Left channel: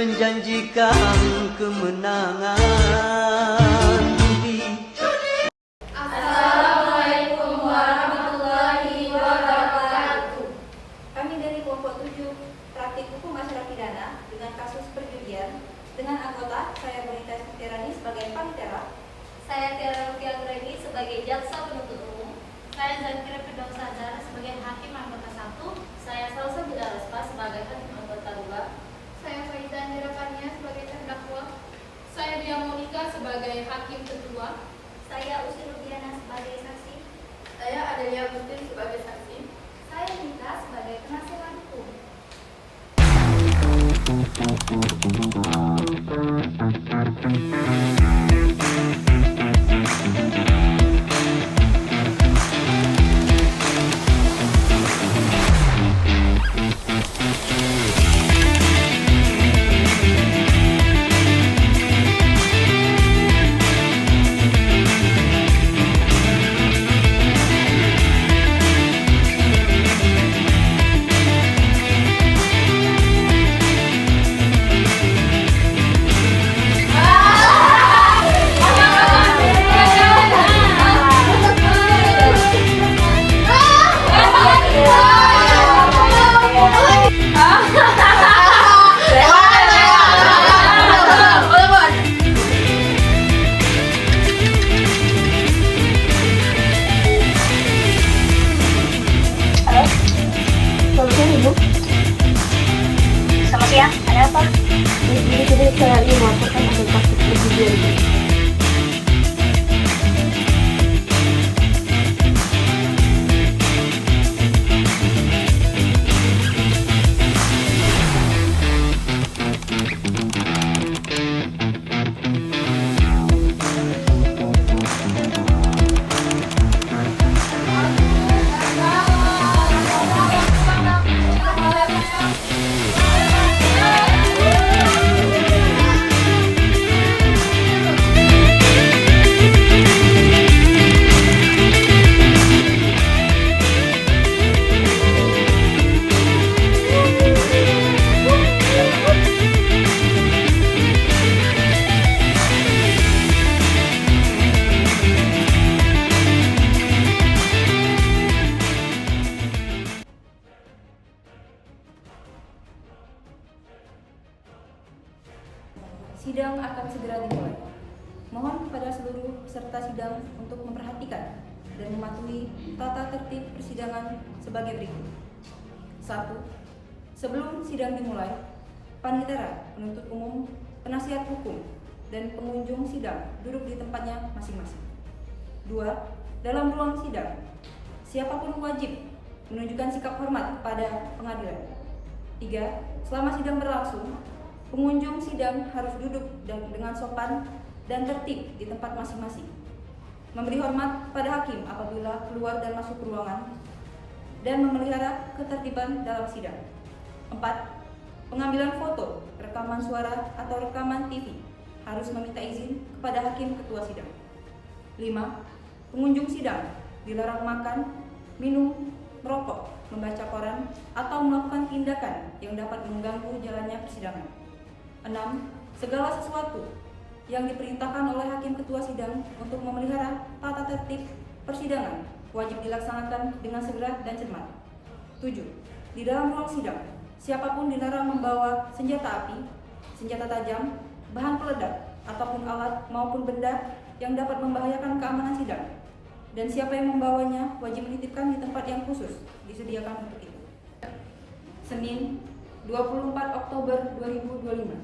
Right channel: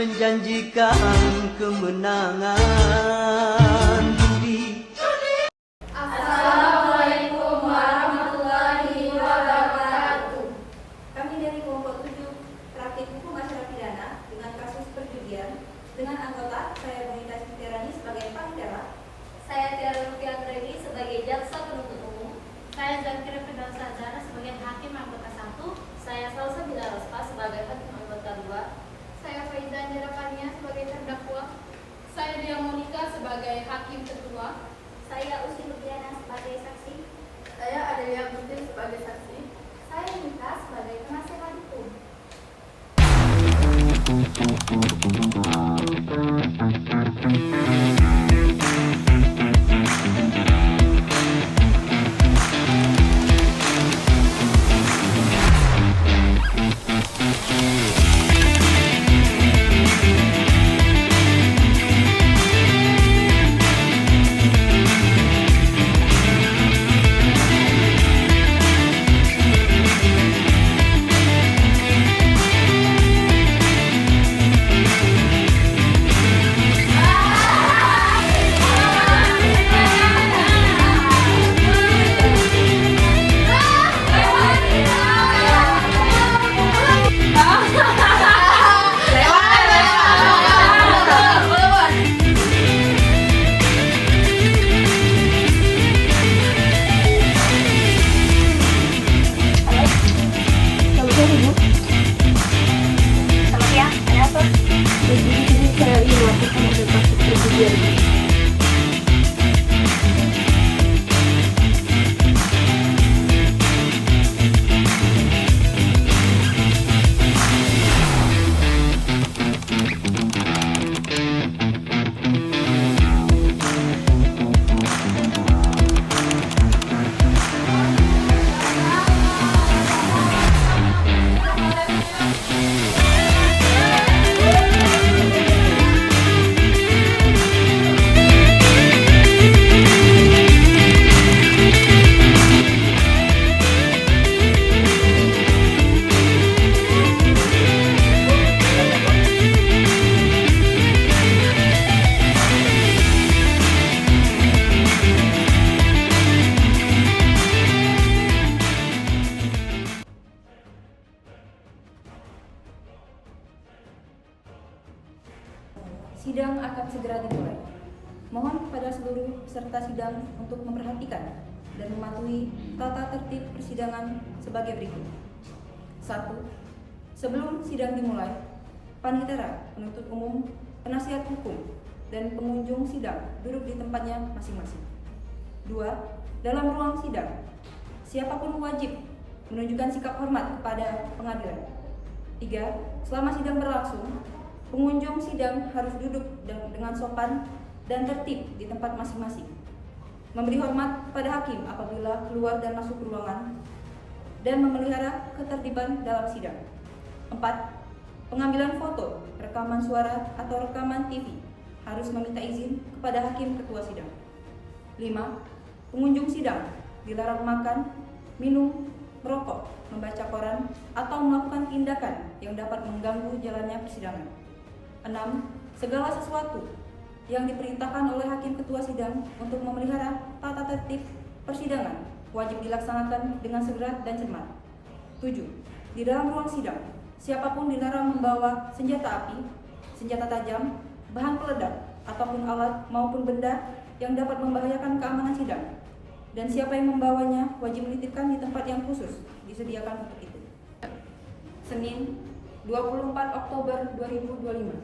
menjanjikan kemenangan judi. Assalamualaikum warahmatullahi wabarakatuh. Kami dari kelompok 7 praktik hukum acara pidana dengan kasus perjudian dengan anggota saya Bonita Tirani sebagai panitera, Saya Tiara Rupiah Greni sebagai jaksa penuntut umum. Saya Zakira Firdaus Sadar sebagai hakim anggota 1. Saya Salsa Bila Rospa sebagai hakim anggota 2. Saya Faiza Nerakania sebagai terdakwa. Saya Dia Monika sebagai hakim ketua. saya Usi Rupiana sebagai saksi, Saya Adelia Putri sebagai saksi. saya Nita sebagai penasihat hukum. Sidang akan segera dimulai. Mohon kepada seluruh peserta sidang untuk memperhatikan dan mematuhi tata tertib persidangan sebagai berikut. 1. Sebelum sidang dimulai, panitera, penuntut umum, penasihat hukum, dan pengunjung sidang duduk di tempatnya masing-masing. 2. Dalam ruang sidang, siapapun wajib menunjukkan sikap hormat kepada pengadilan. 3. Selama sidang berlangsung, pengunjung sidang harus duduk dengan sopan dan tertib di tempat masing-masing. Memberi hormat pada hakim apabila keluar dan masuk ruangan, dan memelihara ketertiban dalam sidang. 4. Pengambilan foto, rekaman suara, atau rekaman TV harus meminta izin kepada hakim ketua sidang. 5. Pengunjung sidang dilarang makan, minum, merokok, membaca koran, atau melakukan tindakan yang dapat mengganggu jalannya persidangan. 6. Segala sesuatu yang diperintahkan oleh hakim ketua sidang untuk memelihara tata tertib persidangan wajib dilaksanakan dengan segera dan cermat. 7. Di dalam ruang sidang, siapapun dilarang membawa senjata api, senjata tajam, bahan peledak, ataupun alat maupun benda yang dapat membahayakan keamanan sidang. Dan siapa yang membawanya wajib menitipkan di tempat yang khusus disediakan untuk itu. Senin, 24 Oktober 2025.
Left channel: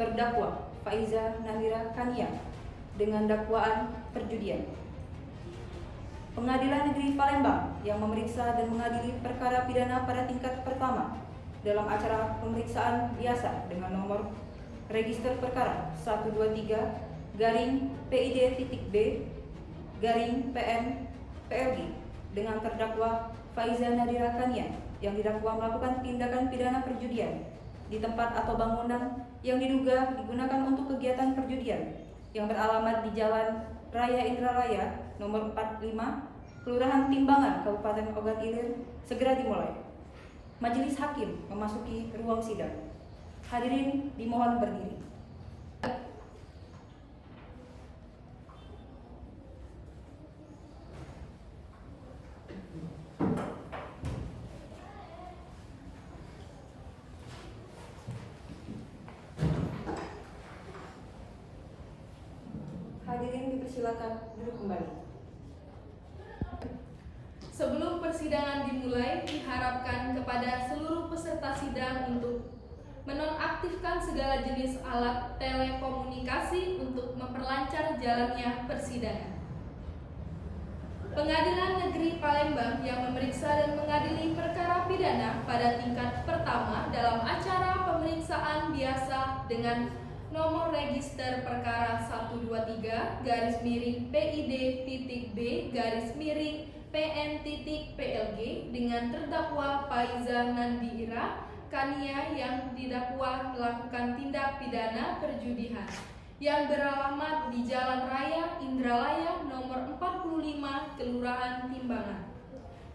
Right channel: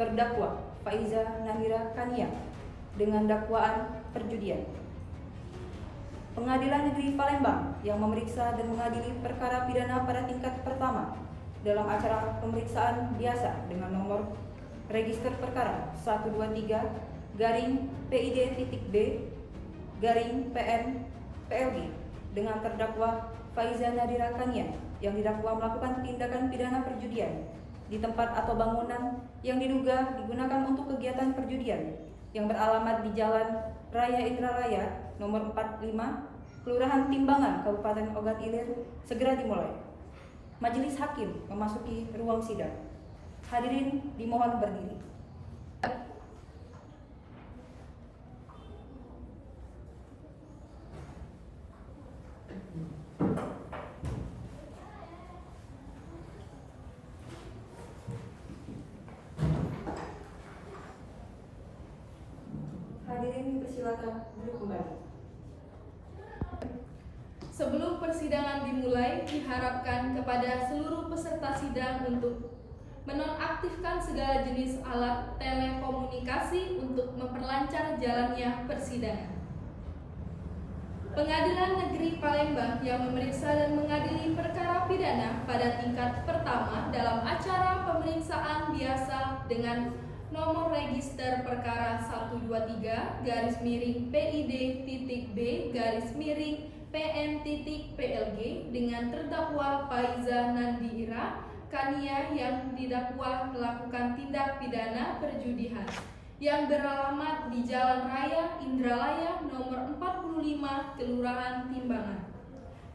Terdakwa Faiza Nahira Kania dengan dakwaan perjudian. Pengadilan Negeri Palembang yang memeriksa dan mengadili perkara pidana pada tingkat pertama dalam acara pemeriksaan biasa dengan nomor register perkara 123-PID.B/PM-PLG dengan terdakwa Faiza Nahira Kania yang didakwa melakukan tindakan pidana perjudian di tempat atau bangunan yang diduga digunakan untuk kegiatan perjudian yang beralamat di Jalan Raya Indralaya nomor 45, Kelurahan Timbangan, Kabupaten Ogan Ilir, segera dimulai. Majelis Hakim memasuki ruang sidang. Hadirin dimohon berdiri. Hadirin dipersilakan duduk kembali. Sebelum persidangan dimulai, diharapkan kepada seluruh peserta sidang untuk menonaktifkan segala jenis alat telekomunikasi untuk memperlancar jalannya persidangan. Pengadilan Negeri Palembang yang memeriksa dan mengadili perkara pidana pada tingkat pertama dalam acara pemeriksaan biasa dengan nomor register perkara 123-PID.B-PN.PLG dengan terdakwa Faiza Nandira Kania yang didakwa melakukan tindak pidana perjudian yang beralamat di Jalan Raya Indralaya nomor 45 Kelurahan Timbangan,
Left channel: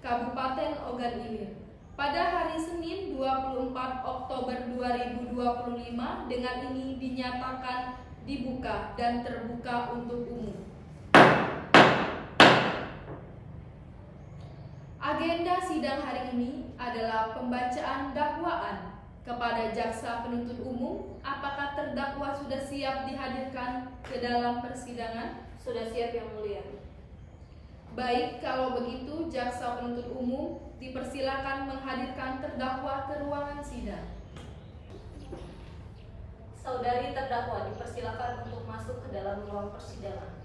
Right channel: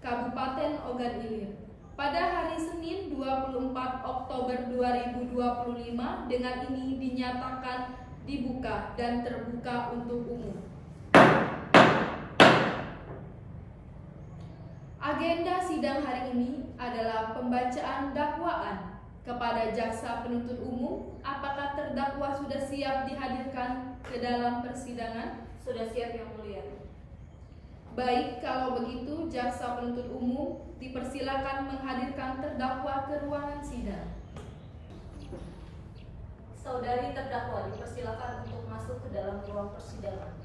Kabupaten Ogan Ilir pada hari Senin 24 Oktober 2025 dengan ini dinyatakan dibuka dan terbuka untuk umum. Agenda sidang hari ini adalah pembacaan dakwaan kepada jaksa penuntut umum. Apakah terdakwa sudah siap dihadirkan ke dalam persidangan? Sudah siap yang mulia. Baik, kalau begitu jaksa penuntut umum dipersilakan menghadirkan terdakwa ke ruangan sidang. Saudari terdakwa dipersilakan untuk masuk ke dalam ruang persidangan.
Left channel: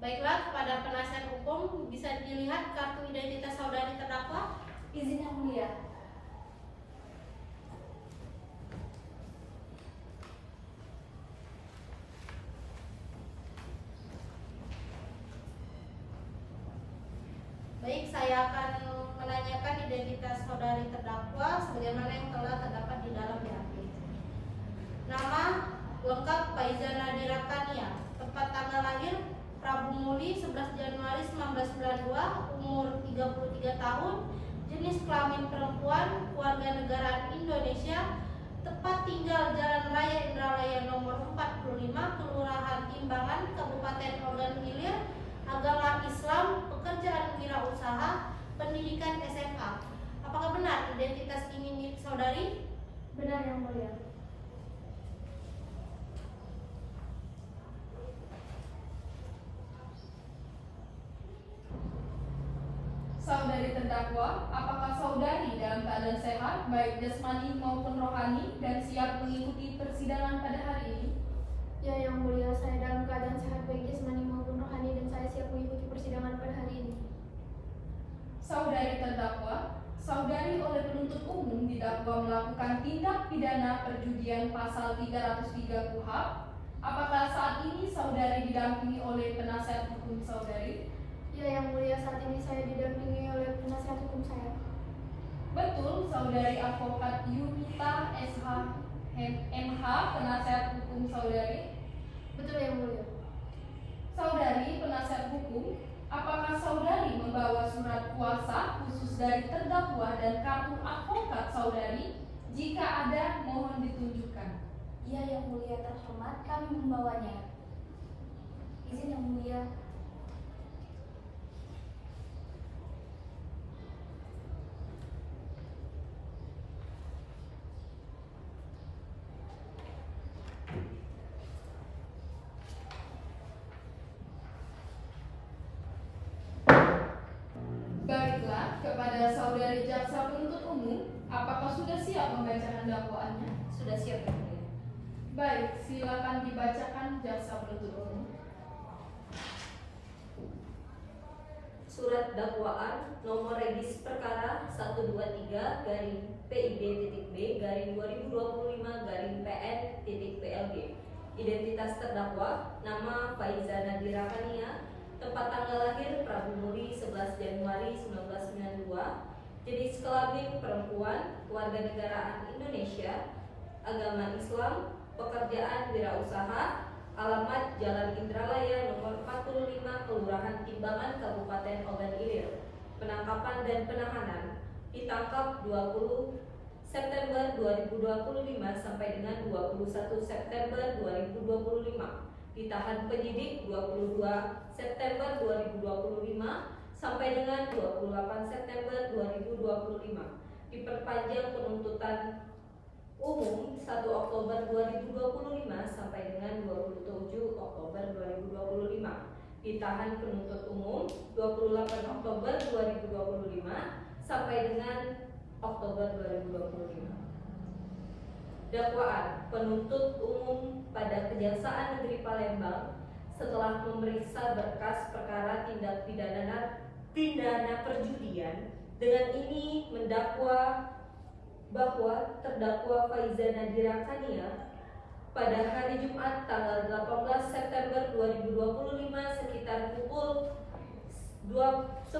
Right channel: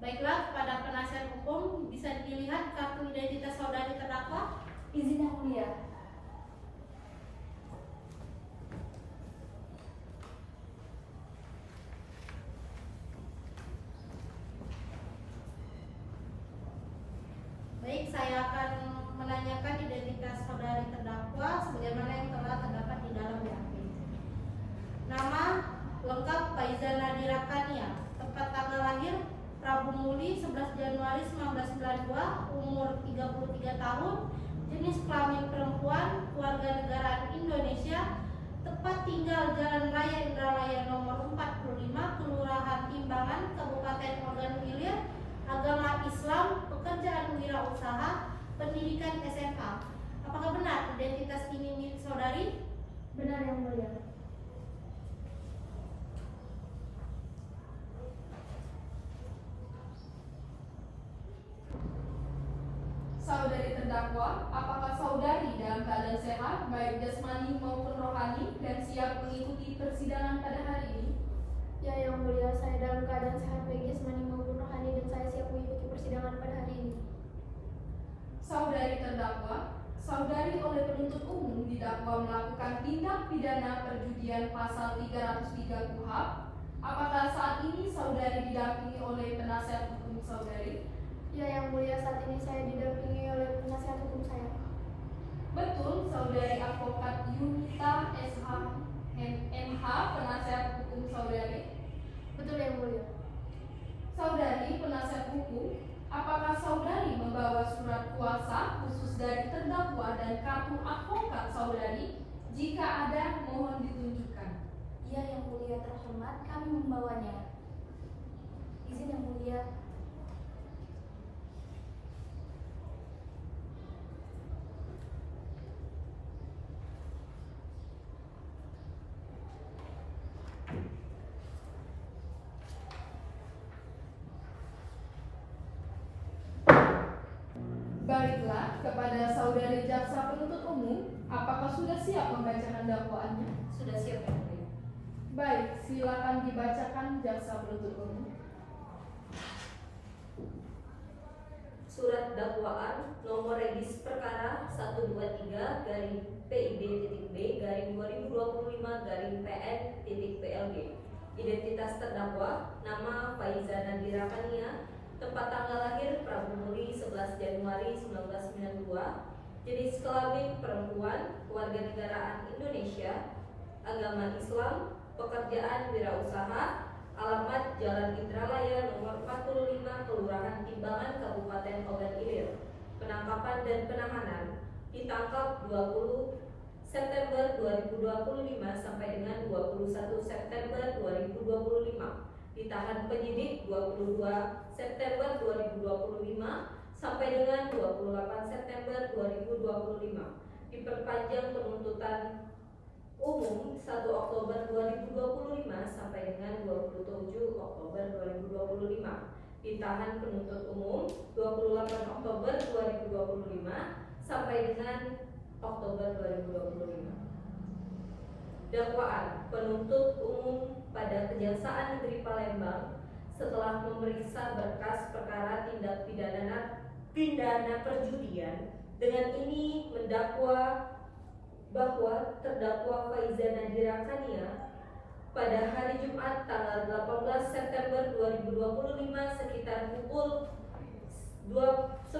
Baiklah, kepada penasihat hukum bisa dilihat kartu identitas saudari terdakwa. Izin yang mulia. Baik, saya akan menanyakan identitas saudari terdakwa sebagaimana yang telah terdapat di dalam BAP. Nama lengkap Faiza Nandira Kania, tempat tanggal lahir Prabu Muli 11 Januari 1992, umur 33 tahun, jenis kelamin perempuan, warga negaraan Indonesia, tempat tinggal Jalan Raya Indralaya nomor 45, Kelurahan Timbangan, Kabupaten Ogan Ilir, agama Islam, pekerjaan wirausaha, pendidikan SMA. Apakah benar identitas ini milik saudari? Benar yang mulia. Saudari terdakwa, apakah saudari dalam keadaan sehat, baik jasmani maupun rohani, dan siap mengikuti persidangan pada hari ini? Ya, yang mulia, saya dalam keadaan sehat baik jasmani maupun rohani dan saya siap mengikuti persidangan pada hari ini. Saudari terdakwa, saudari oleh penuntut umum didakwa melakukan tindak pidana perjudian pasal 303 KUHP. Apakah saat ini saudari didampingi oleh penasihat hukum saudari? Ya, yang mulia, saat ini saya didampingi oleh penasihat hukum saya. Betul, saudari advokat Yunita SH MH, penasihat hukum saudari? Betul yang mulia. Saudari penasihat hukum, apakah saudari membawa surat kuasa khusus dari terdakwa dan kartu advokat saudari? Jika ada, mohon ditunjukkan. Ya, yang mulia terhormat, kami membawanya. Izin yang mulia. Baiklah, kepada saudari jaksa penuntut umum, apakah sudah siap membacakan dakwaannya? Sudah siap yang mulia. Baik, silakan dibacakan jaksa penuntut umum. Surat dakwaan nomor regis perkara 123-PID.B-2025-PN.PLG. Identitas terdakwa, nama Faiza Nandira Kania, tempat tanggal lahir Prabu Muli 11 Januari 1992, jenis kelamin perempuan, warga negaraan Indonesia, agama Islam, pekerjaan wirausaha, alamat Jalan Indralaya nomor 45, Kelurahan Timbangan, Kabupaten Ogan Ilir. Penangkapan dan penahanan. Ditangkap 20 September 2025 sampai dengan 21 September 2025. Ditahan penyidik 22 September 2025 sampai dengan 28 September 2025. Diperpanjang penuntutan umum 1 Oktober 2025 sampai dengan 27 Oktober 2025. Ditahan penuntut umum 28 Oktober 2025 sampai dengan Oktober 2025. Dakwaan. Penuntut umum pada Kejaksaan Negeri Palembang setelah memeriksa berkas perkara tindak pidana perjudian dengan ini mendakwa bahwa terdakwa Faiza Nadira Kania pada hari Jumat tanggal 18 September 2025 sekitar pukul 10.30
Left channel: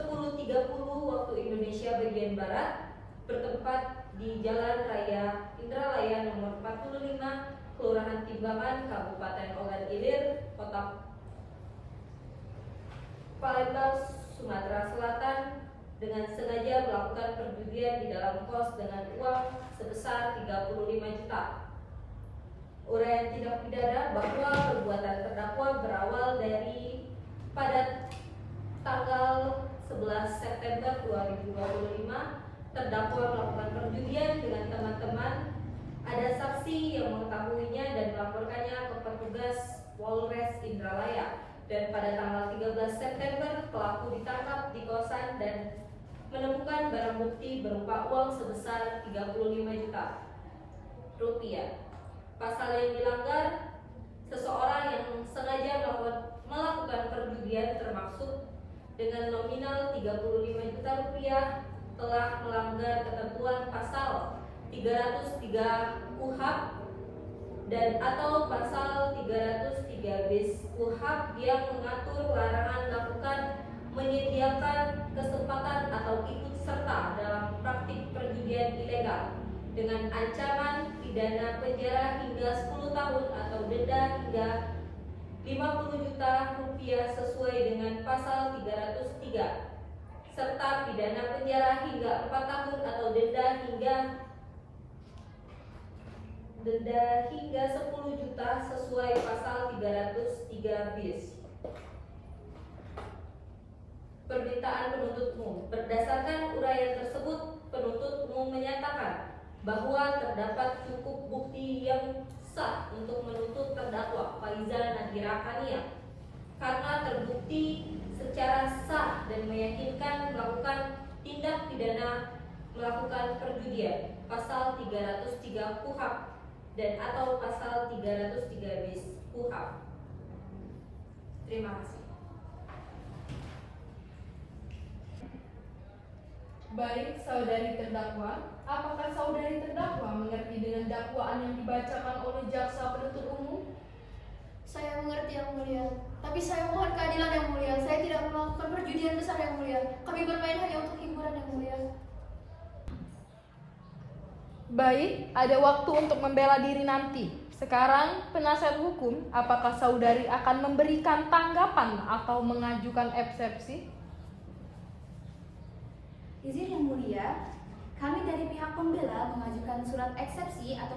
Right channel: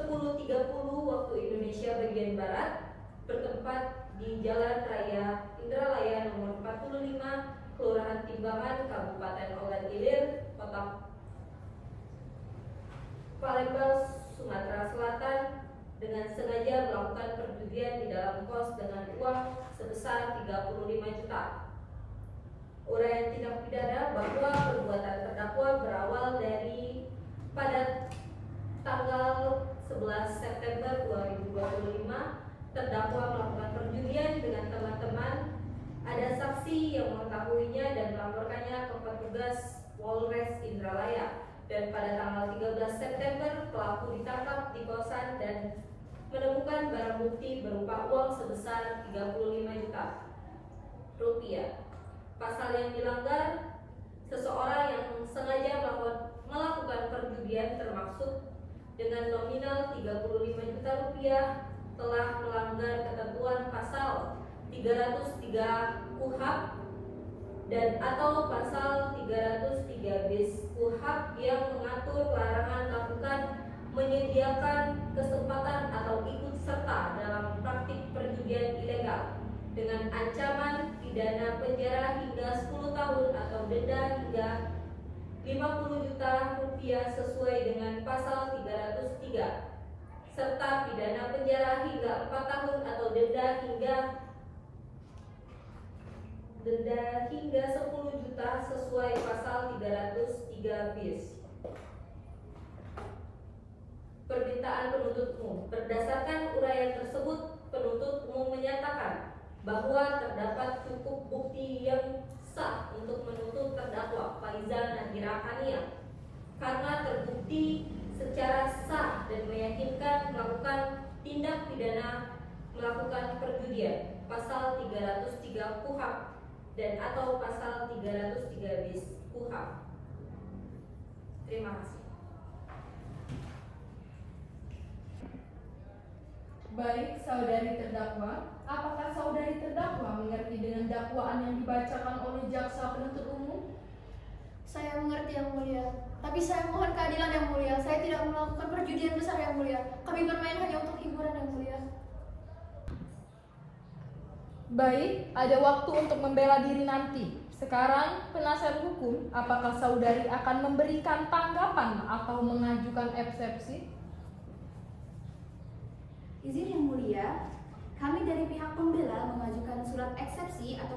waktu Indonesia bagian Barat bertempat di Jalan Raya Indralaya nomor 45, Kelurahan Timbangan, Kabupaten Ogan Ilir, Kota Palembang, Sumatera Selatan dengan sengaja melakukan perjudian di dalam kos dengan uang sebesar 35 juta. Uraian tindak pidana bahwa perbuatan terdakwa berawal dari pada tanggal 11 September 2025 terdakwa melakukan perjudian dengan teman-teman. Ada saksi yang mengetahuinya dan melaporkannya ke petugas Polres Indralaya. Dan pada tanggal 13 September pelaku ditangkap di kosan dan menemukan barang bukti berupa uang sebesar 35 juta rupiah. Pasal yang dilanggar, seseorang yang sengaja melakukan perjudian termaksud dengan nominal 35 juta rupiah telah melanggar ketentuan pasal 303 KUHP dan atau pasal 303 bis KUHP yang mengatur larangan melakukan, menyediakan kesempatan atau ikut serta dalam praktik perjudian ilegal dengan ancaman pidana penjara hingga 10 tahun atau denda hingga 50 juta rupiah sesuai dengan pasal 303 serta pidana penjara hingga 4 tahun atau denda hingga 10 juta sesuai pasal 303 bis. Permintaan penuntut umum. Berdasarkan uraian tersebut, penuntut umum menyatakan bahwa terdapat cukup bukti yang sah untuk menuntut terdakwa Faiza Nadira Kania karena terbukti secara sah dan meyakinkan melakukan tindak pidana melakukan perjudian pasal 303 KUHP dan atau pasal 303 bis KUHP. Terima kasih. Baik, saudari terdakwa, apakah saudari terdakwa mengerti dengan dakwaan yang dibacakan oleh jaksa penuntut umum? Saya mengerti yang mulia, tapi saya mohon keadilan yang mulia. Saya tidak melakukan perjudian besar yang mulia. Kami bermain hanya untuk hiburan yang mulia. Baik, ada waktu untuk membela diri nanti. Sekarang, penasihat hukum, apakah saudari akan memberikan tanggapan atau mengajukan eksepsi? Izin yang mulia, kami dari pihak pembela mengajukan surat eksepsi atau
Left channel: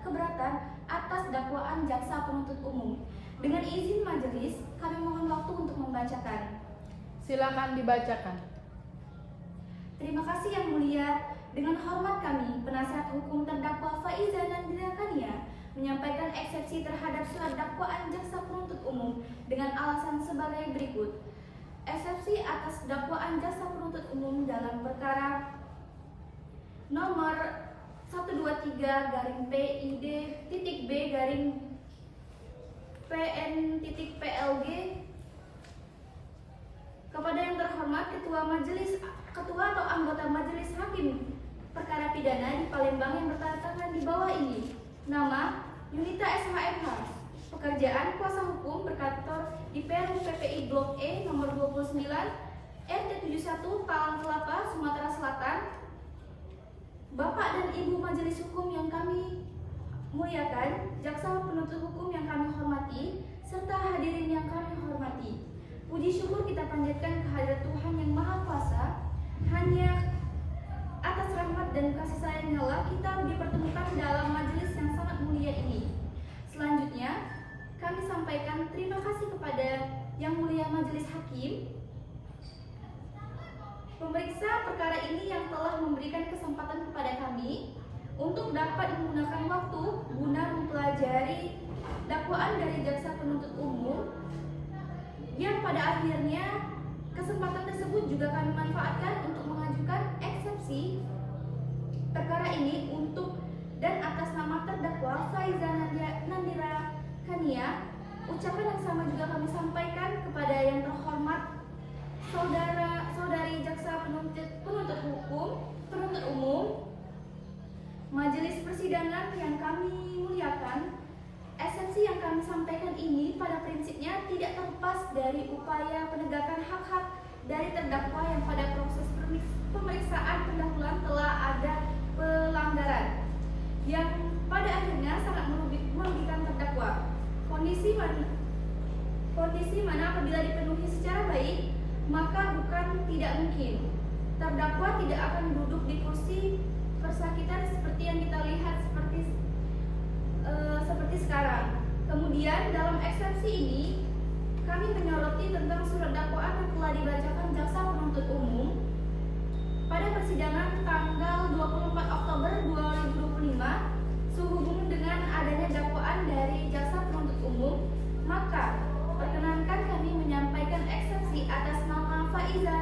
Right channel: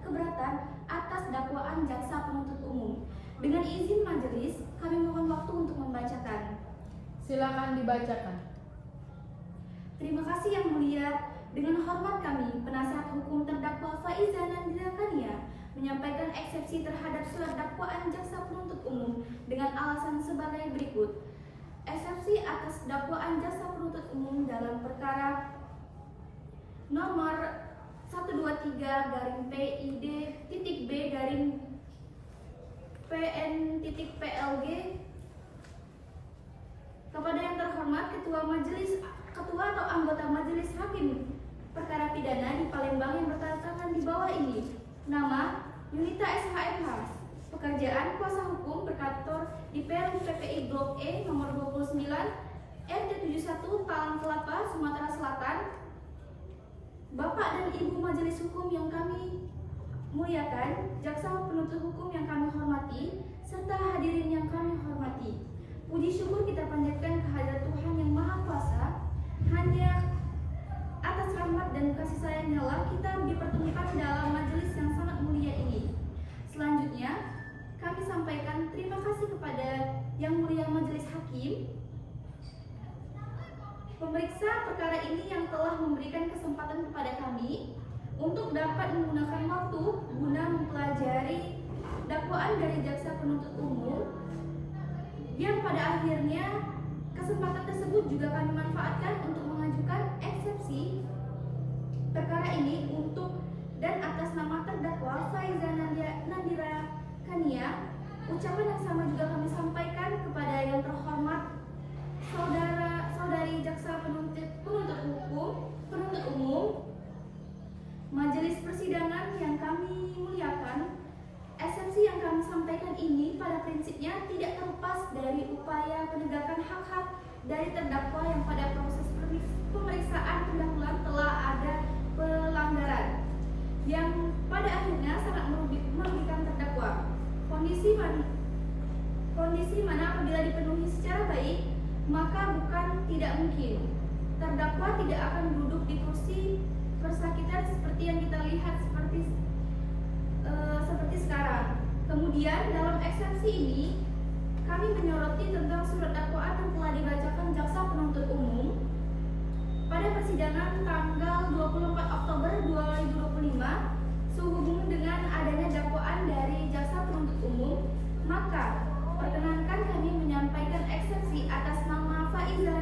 keberatan atas dakwaan jaksa penuntut umum. Dengan izin majelis, kami mohon waktu untuk membacakan. Silakan dibacakan. Terima kasih yang mulia. Dengan hormat kami, penasihat hukum terdakwa Faiza Nadira Kania menyampaikan eksepsi terhadap surat dakwaan jaksa penuntut umum dengan alasan sebagai berikut. Eksepsi atas dakwaan jaksa penuntut umum dalam perkara nomor 123-PID-B-PN-PLG kepada yang terhormat ketua atau anggota majelis hakim perkara pidana di Palembang yang bertanda di bawah ini. Nama Yunita SHMH. Pekerjaan kuasa hukum berkantor di Perum PPI Blok E nomor 29 RT 71 Palang Kelapa, Sumatera Selatan. Bapak dan Ibu majelis hukum yang kami muliakan, jaksa penuntut hukum yang kami hormati, panjatkan kehadirat Tuhan yang Maha Kuasa. Hanya atas rahmat dan kasih sayangnya lah kita dipertemukan dalam majelis yang sangat mulia ini. Selanjutnya, kami sampaikan terima kasih kepada Yang Mulia Majelis Hakim, pemeriksa perkara ini yang telah memberikan kesempatan kepada kami untuk dapat menggunakan waktu guna mempelajari dakwaan dari jaksa penuntut umum, yang pada akhirnya kesempatan tersebut juga kami manfaatkan untuk mengajukan eksepsi perkara ini untuk dan atas nama terdakwa Faiza Nandira Kania. Ucapan yang sama juga kami sampaikan kepada yang terhormat saudari jaksa penuntut umum, majelis persidangan yang kami muliakan. Eksepsi yang kami sampaikan ini pada prinsipnya tidak terlepas dari upaya penegakan hak-hak dari terdakwa yang pada proses pemeriksaan pendahuluan telah ada pelanggaran yang pada akhirnya sangat merugikan terdakwa. Kondisi mana apabila dipenuhi secara baik, maka bukan tidak mungkin terdakwa tidak akan duduk di kursi persakitan seperti yang kita lihat seperti sekarang. Kemudian dalam eksepsi ini kami menyoroti tentang surat dakwaan yang telah dibacakan jaksa penuntut umum pada persidangan tanggal 24 Oktober 2025 sehubungan dengan adanya dakwaan dari jaksa penuntut umum. Maka perkenankan kami menyampaikan eksepsi atas nama Faiza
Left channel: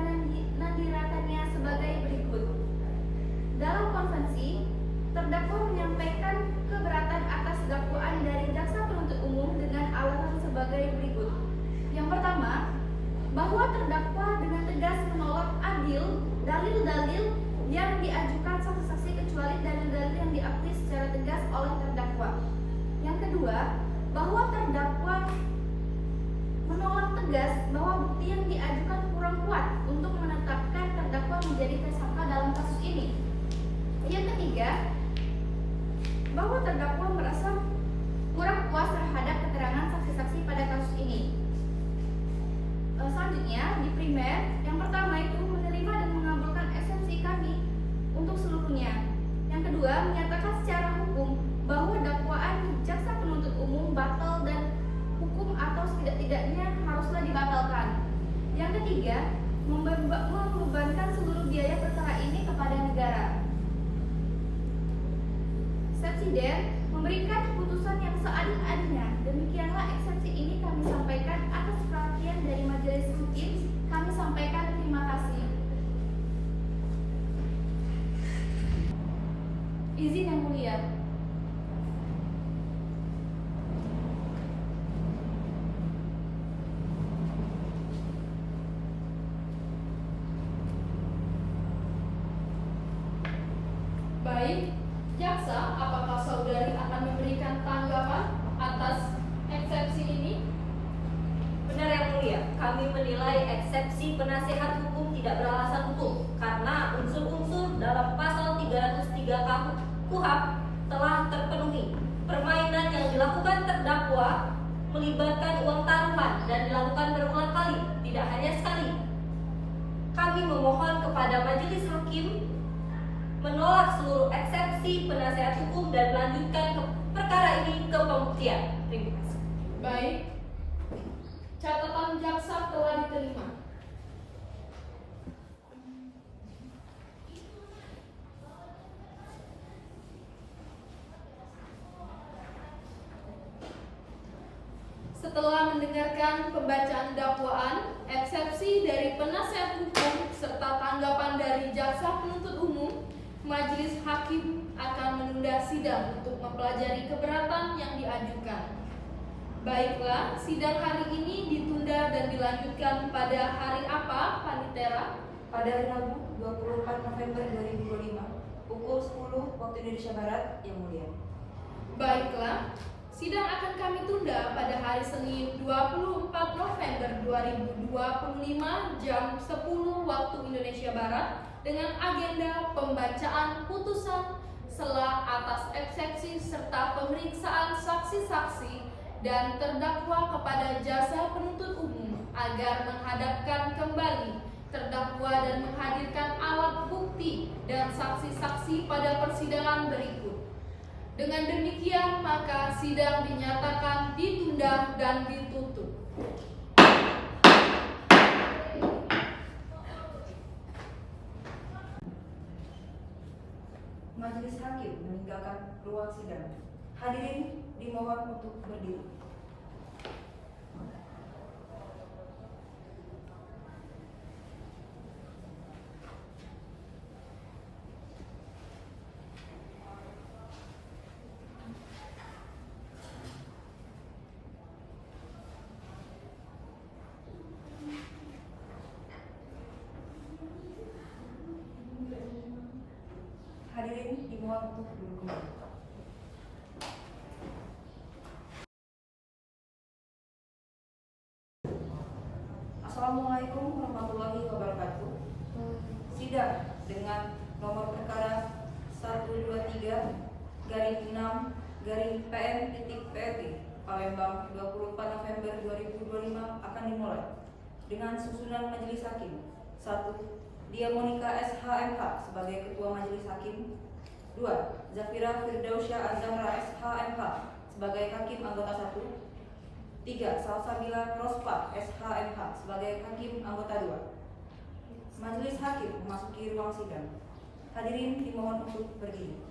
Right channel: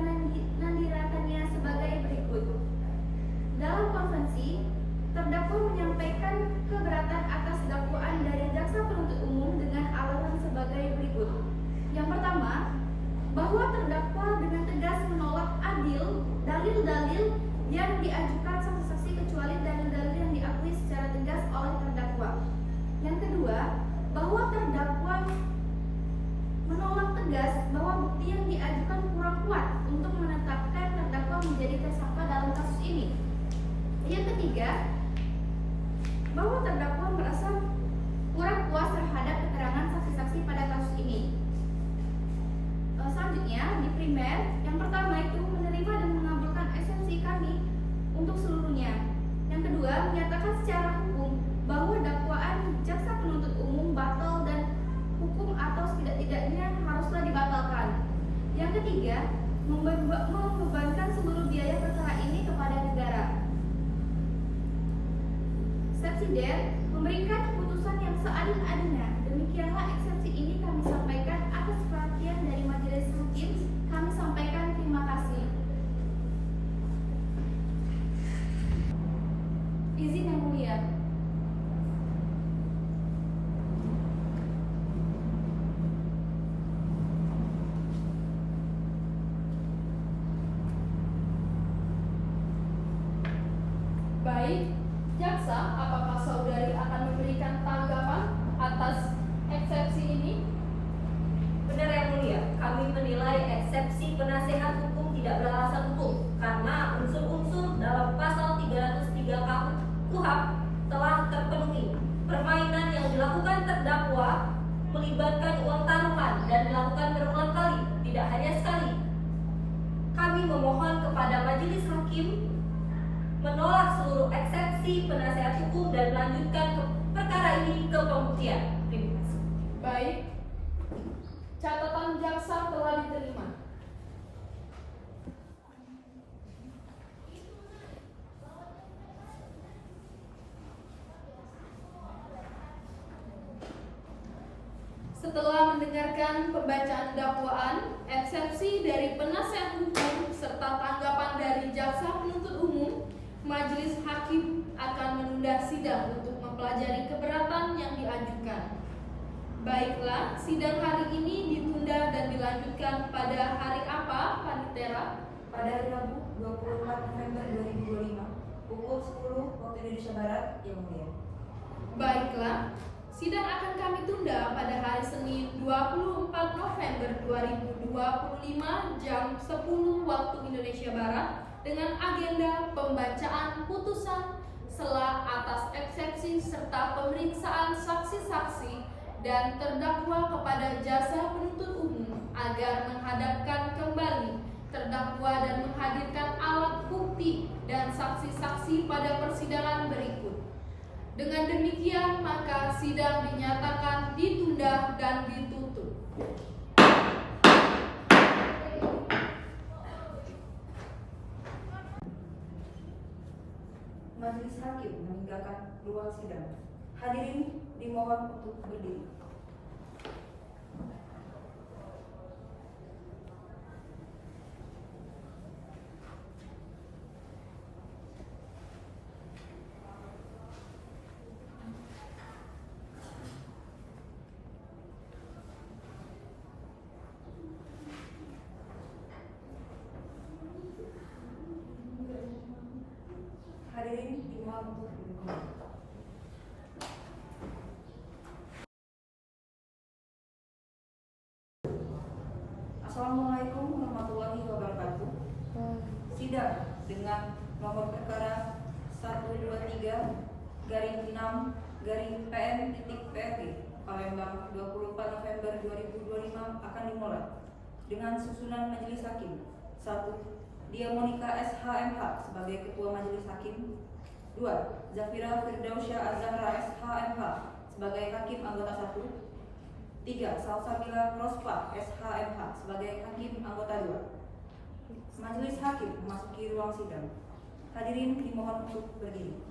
Nandira Kania sebagai berikut. Dalam konvensi, terdakwa menyampaikan keberatan atas dakwaan dari jaksa penuntut umum dengan alasan sebagai berikut. Yang pertama, bahwa terdakwa dengan tegas menolak adil dalil-dalil yang diajukan saksi-saksi kecuali dalil-dalil yang diakui secara tegas oleh terdakwa. Yang kedua, bahwa terdakwa menolak tegas bahwa bukti yang diajukan kurang kuat untuk menetapkan terdakwa menjadi tersangka dalam kasus ini. Yang ketiga, bahwa terdakwa merasa kurang puas terhadap keterangan saksi-saksi pada kasus ini. Selanjutnya, di primer, yang pertama itu menerima dan mengabulkan eksepsi kami untuk seluruhnya. Yang kedua, menyatakan secara hukum bahwa dakwaan jaksa penuntut umum batal dan hukum atau setidak-tidaknya haruslah dibatalkan. Yang ketiga, membebankan seluruh biaya perkara ini kepada negara. Sepsiden memberikan keputusan yang seadil-adilnya. Demikianlah eksepsi ini kami sampaikan atas perhatian dari majelis hakim. Kami sampaikan terima kasih. Izin yang mulia. Baik, jaksa, apakah saudari akan memberikan tanggapan atas eksepsi ini? Benar yang mulia, kami menilai eksepsi penasehat hukum tidak beralasan hukum karena unsur-unsur dalam pasal 303 KUHP telah terpenuhi. Permainan yang dilakukan terdakwa melibatkan uang taruhan dan dilakukan berulang kali, tidak hanya sekali. Kami memohon kepada majelis hakim menolak seluruh eksepsi penasehat hukum dan melanjutkan perkara ini ke pembuktian. Terima kasih. Baik, catatan jaksa telah diterima. Setelah mendengarkan pembacaan dakwaan, eksepsi dari penasehat hukum serta tanggapan dari jaksa penuntut umum, majelis hakim akan menunda sidang untuk mempelajari keberatan yang diajukan. Baiklah, sidang hari ini ditunda dan dilanjutkan pada hari apa, Panitera? Pada hari Rabu 24 November 2025 pukul 10 waktu Indonesia Barat, yang mulia. Baiklah, sidang akan kami tunda pada hari Senin 24 November 2025 jam 10 waktu Indonesia Barat dengan agenda pembacaan putusan sela atas eksepsi serta pemeriksaan saksi-saksi dan terdakwa kepada jasa penuntut umum agar menghadapkan kembali terdakwa dan menghadirkan alat bukti dan saksi-saksi pada persidangan berikut. Dengan demikian, maka sidang dinyatakan ditunda dan ditutup. Majelis hakim meninggalkan ruang sidang. Hadirin dimohon untuk berdiri. Hadirin dimohon untuk duduk kembali. Assalamualaikum warahmatullahi wabarakatuh. Sidang dengan nomor perkara 123/6/PN.PLG Palembang 24 November 2025 akan dimulai dengan susunan majelis hakim. 1. Dia Monika SHMH sebagai Ketua Majelis Hakim. 2. Zafira Firdausyah Azhara SHMH sebagai Hakim Anggota 1. 3. Salsabila Rospa SHMH sebagai Hakim Anggota 2. Majelis Hakim memasuki ruang sidang. Hadirin dimohon untuk berdiri.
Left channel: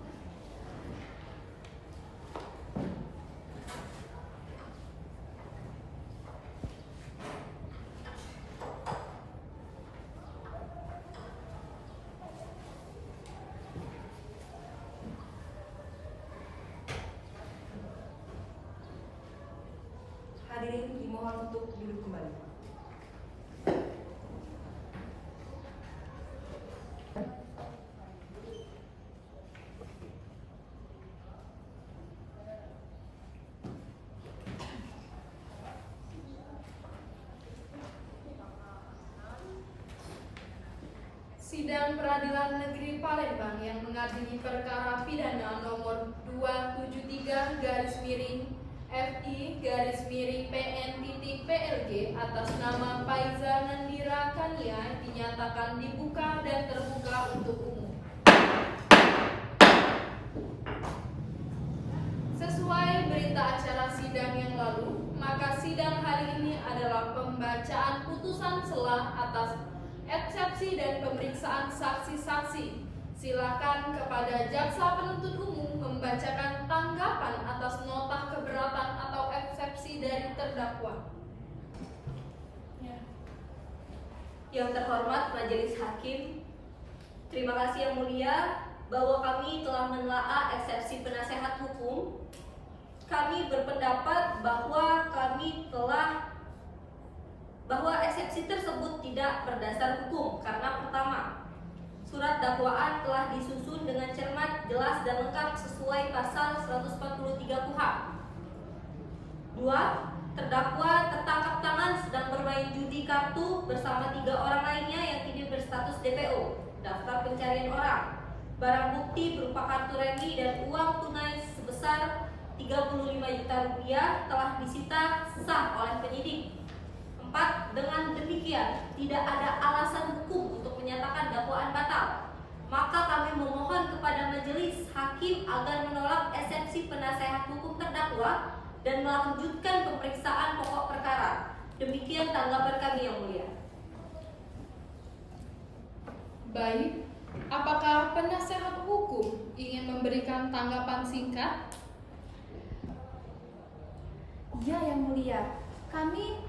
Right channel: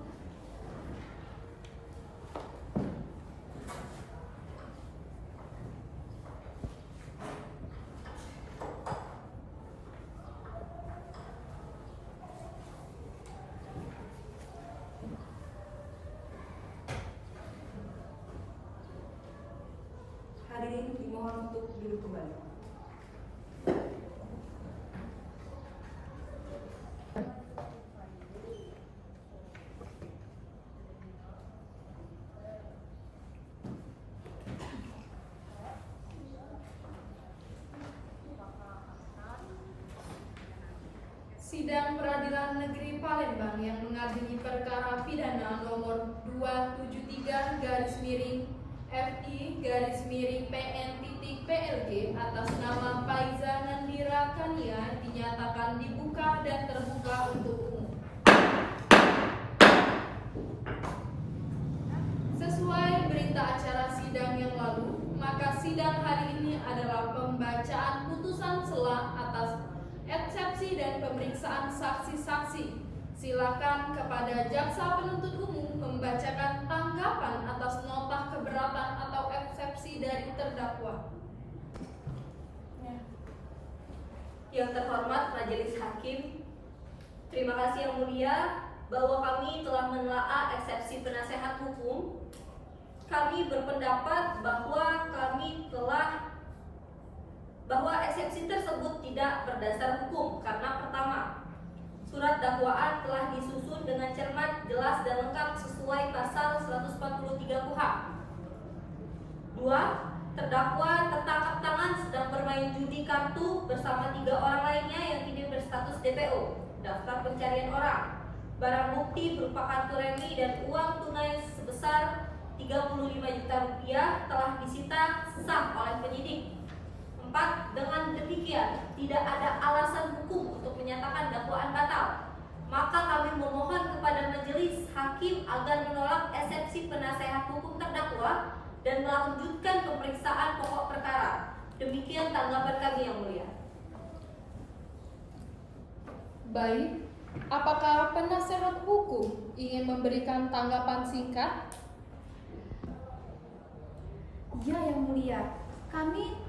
Hadirin dimohon untuk duduk kembali. Sidang Peradilan Negeri Palembang yang mengadili perkara pidana nomor 273/FI/PN.PLG atas nama Faiza Nandira Kania dinyatakan dibuka dan terbuka untuk umum. Sesuai berita acara sidang yang lalu, maka sidang hari ini adalah pembacaan putusan sela atas eksepsi dan pemeriksaan saksi-saksi. Silakan kepada jaksa penuntut umum membacakan tanggapan atas nota keberatan atau eksepsi dari terdakwa. Yang terhormat Majelis Hakim, terima kasih yang mulia bahwa kami telah menelaah eksepsi penasehat hukum. Kami berpendapat bahwa eksepsi tersebut tidak berdasar hukum karena pertama, surat dakwaan telah disusun dengan cermat, jelas dan lengkap sesuai pasal 143 KUHP. 2. Terdakwa tertangkap tangan sedang bermain judi kartu bersama 3 orang lainnya yang kini berstatus DPO, daftar pencarian orang. Barang bukti berupa kartu remi dan uang tunai sebesar 35 juta rupiah telah disita sah oleh penyidik. 4. Dengan demikian tidak ada alasan hukum untuk menyatakan dakwaan batal. Maka kami memohon kepada majelis hakim agar menolak eksepsi penasehat hukum terdakwa dan melanjutkan pemeriksaan pokok perkara. Demikian tanggapan kami yang mulia. Baik, apakah penasehat hukum ingin memberikan tanggapan singkat? Ya, yang mulia, kami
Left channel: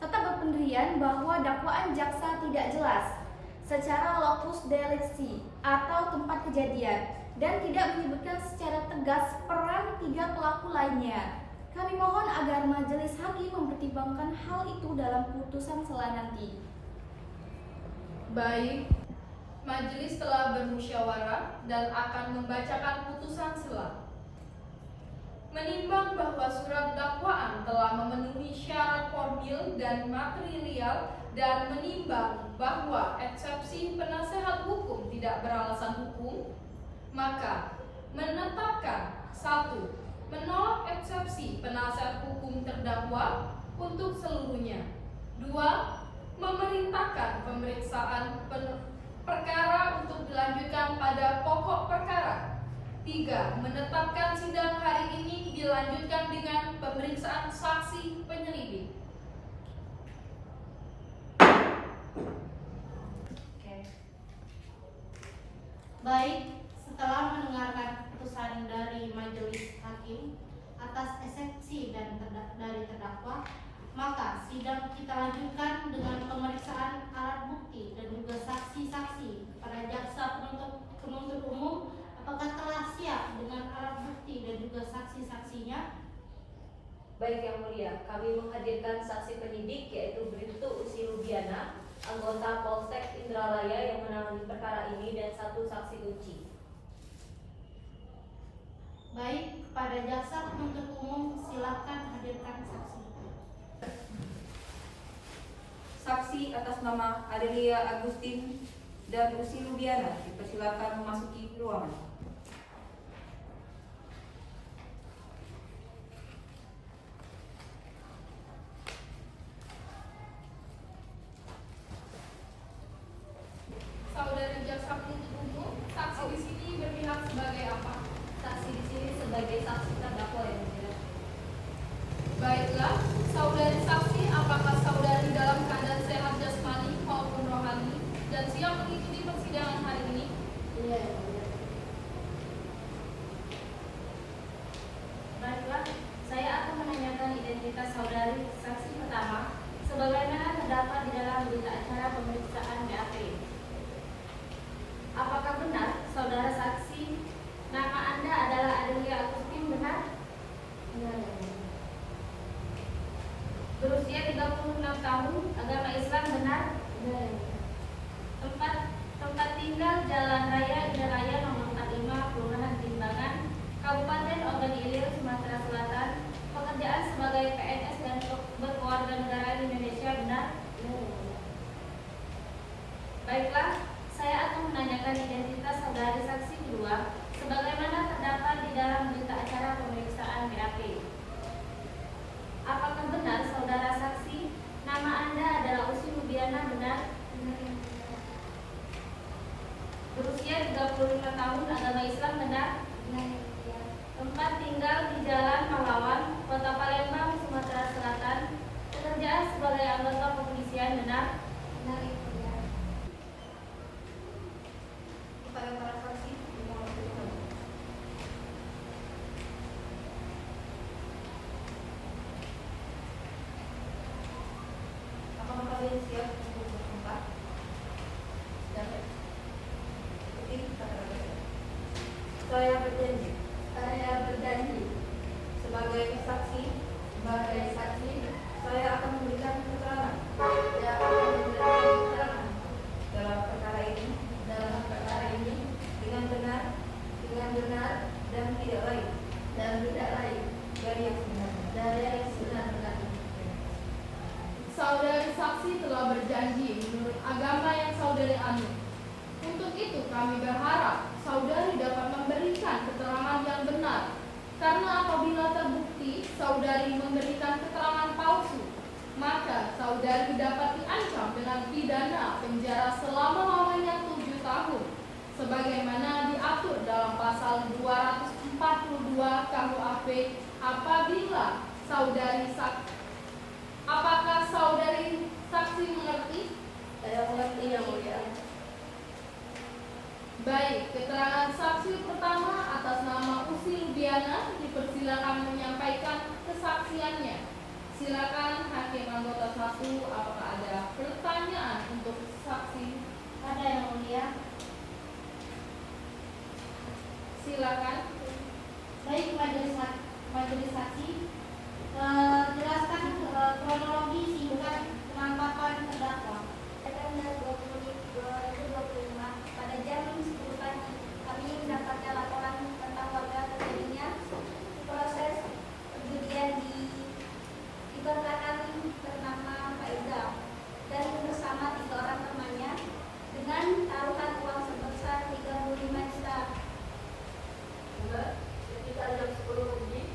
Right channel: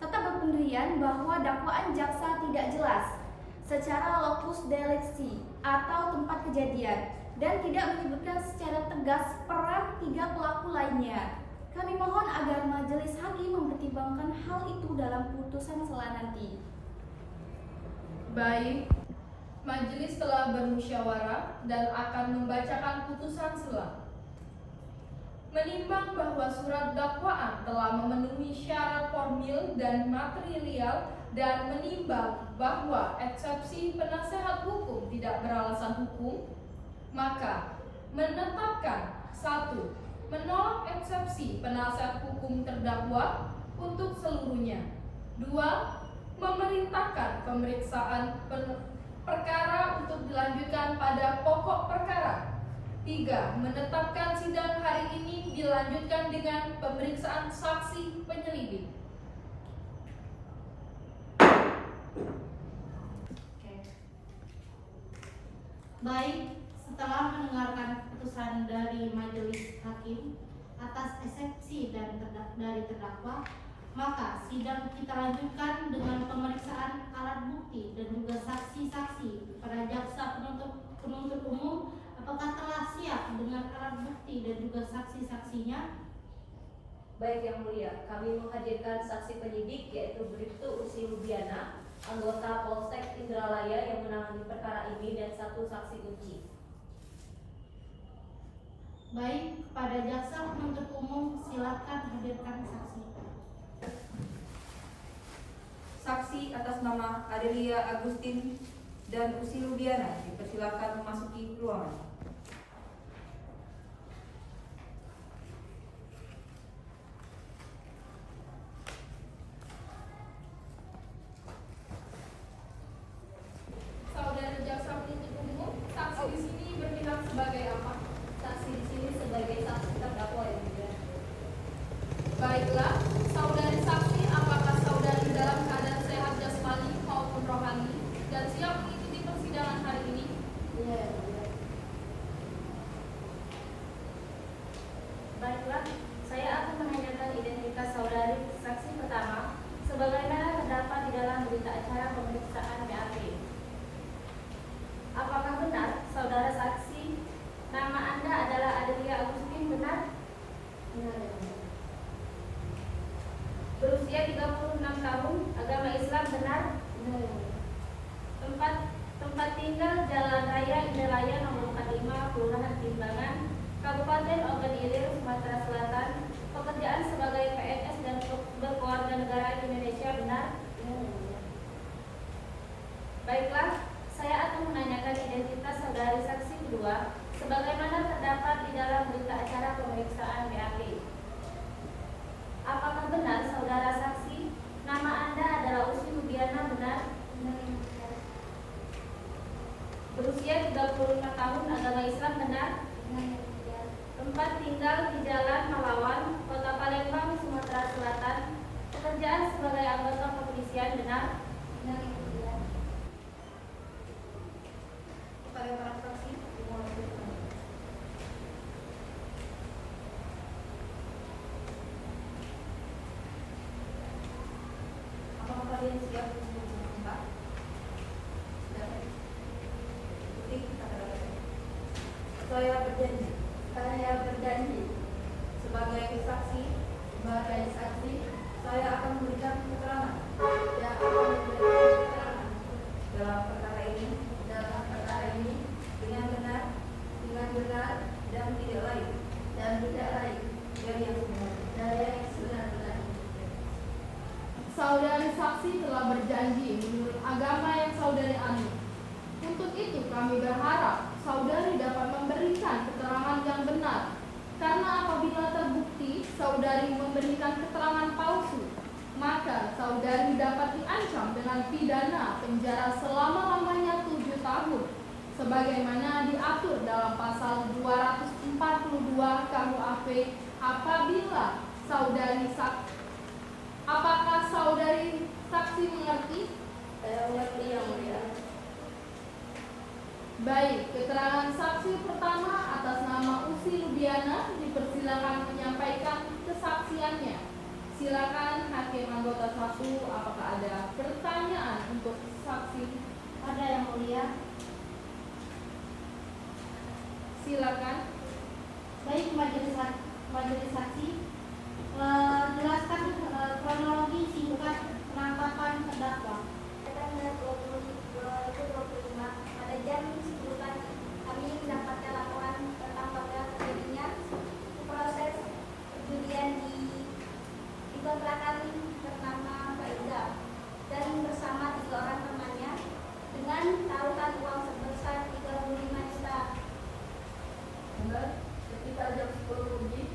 tetap berpendirian bahwa dakwaan jaksa tidak jelas secara lokus delicti atau tempat kejadian dan tidak menyebutkan secara tegas peran 3 pelaku lainnya. Kami mohon agar majelis hakim mempertimbangkan hal itu dalam putusan sela nanti. Baik, majelis telah bermusyawarah dan akan membacakan putusan sela. Menimbang bahwa surat dakwaan telah memenuhi syarat formil dan material dan menimbang bahwa eksepsi penasehat hukum tidak beralasan hukum, maka menetapkan 1. menolak eksepsi penasihat hukum terdakwa untuk seluruhnya. 2. Memerintahkan pemeriksaan perkara untuk dilanjutkan pada pokok perkara. 3. Menetapkan sidang hari ini dilanjutkan dengan pemeriksaan saksi penyelidik. Baik, setelah mendengarkan keputusan dari majelis hakim atas eksepsi dari terdakwa, maka sidang kita lanjutkan dengan pemeriksaan alat bukti dan juga saksi-saksi. Para jaksa penuntut umum, apakah telah siap dengan alat bukti dan juga saksi-saksinya? Baik Yang Mulia, kami menghadirkan saksi penyidik yaitu Bribtu Usi Rubiana, anggota Polsek Indralaya yang menangani perkara ini, dan 1 saksi kunci. Baik, kepada jaksa penuntut umum silakan hadirkan saksi. Saksi atas nama Adelia Agustin dan Usi Rubiana dipersilakan memasuki ruangan. Saudara jaksa penuntut umum, saksi di sini berpihak sebagai apa? Saksi di sini sebagai saksi terdakwa Yang Mulia. Baiklah, saudari saksi, apakah saudari dalam keadaan sehat jasmani maupun rohani dan siap mengikuti persidangan hari ini? Iya. Baiklah, saya akan menanyakan identitas saudari saksi pertama sebagaimana terdapat di dalam berita acara pemeriksaan BAP. Apakah benar saudara saksi nama Anda adalah Adelia Agustin, benar? Benar. Berusia 36 tahun, agama Islam, benar? Benar. Tempat tinggal Jalan Raya Indralaya nomor 45, Kelurahan Timbangan, Kabupaten Ogan Ilir, Sumatera Selatan. Pekerjaan sebagai PNS dan berkeluarga negaraan Indonesia, benar? Baiklah, saya akan menanyakan identitas saudari saksi kedua sebagaimana terdapat di dalam berita acara pemeriksaan BAP. Apakah benar saudara saksi nama Anda adalah Usi Rubiana, benar? Berusia 35 tahun, agama Islam, benar? Tempat tinggal di Jalan Pahlawan, Kota Palembang, Sumatera Selatan. Pekerjaan sebagai anggota kepolisian, benar? Kepada para saksi, dimohon untuk ditanyakan. Apakah kalian siap untuk bersumpah? Sudah. Ikuti kata-kata saya. Saya berjanji. Saya berjanji. Sebagai saksi, saya akan memberikan keterangan. Dalam perkara ini dengan benar dan tidak lain dari yang sebenarnya. Saudari saksi telah berjanji menurut agama yang saudari anut. Untuk itu kami berharap saudari dapat memberikan keterangan yang benar. Karena apabila terbukti saudari memberikan keterangan palsu, maka saudari dapat diancam dengan pidana penjara selama-lamanya 7 tahun, sebagaimana diatur dalam pasal 242 KUHP apabila saudari saksi. Apakah saudari saksi mengerti? Saya mengerti Yang Mulia. Baik, keterangan saksi pertama atas nama Usi Rubiana dipersilakan menyampaikan kesaksiannya. Silakan hakim anggota 1, apakah ada pertanyaan untuk saksi? Ada Yang Mulia. Silakan. Baik, majelis saksi, jelaskan kronologi singkat penangkapan terdakwa. Tanggal 20/2025 pada jam 10 pagi kami mendapatkan laporan tentang warga terjadinya proses perjudian di kontrakan bernama Faiza dan bersama 3 orang temannya dengan taruhan uang sebesar 35 juta. Ketika jam 10 lebih,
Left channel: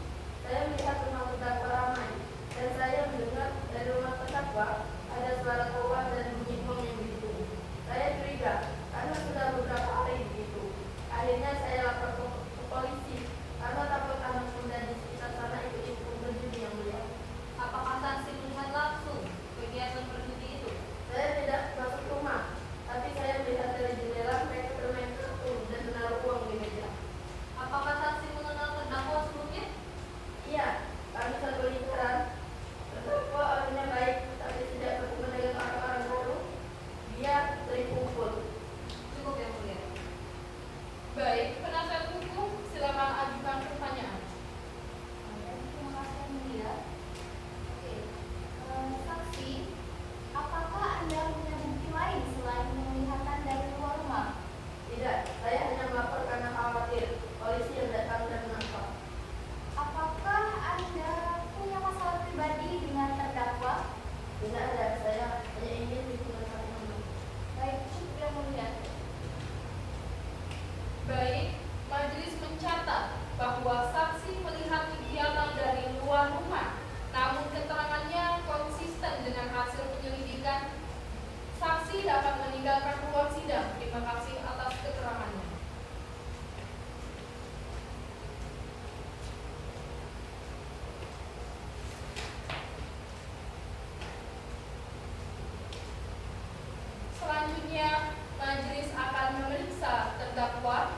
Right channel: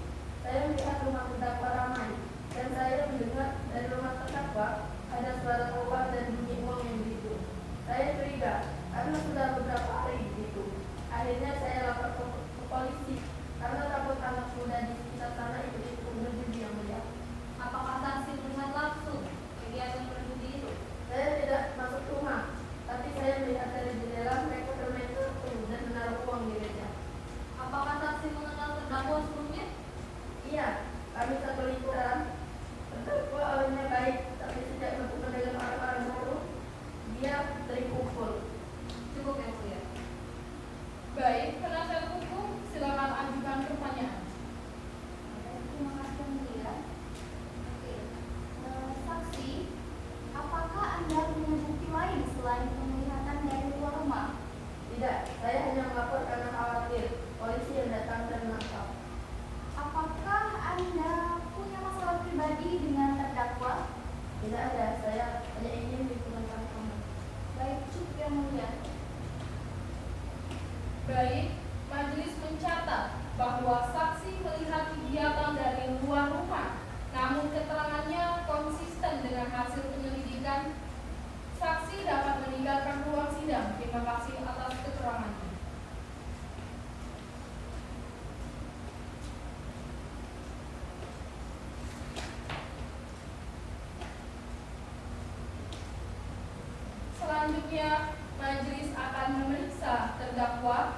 Majelis akan memeriksa terdakwa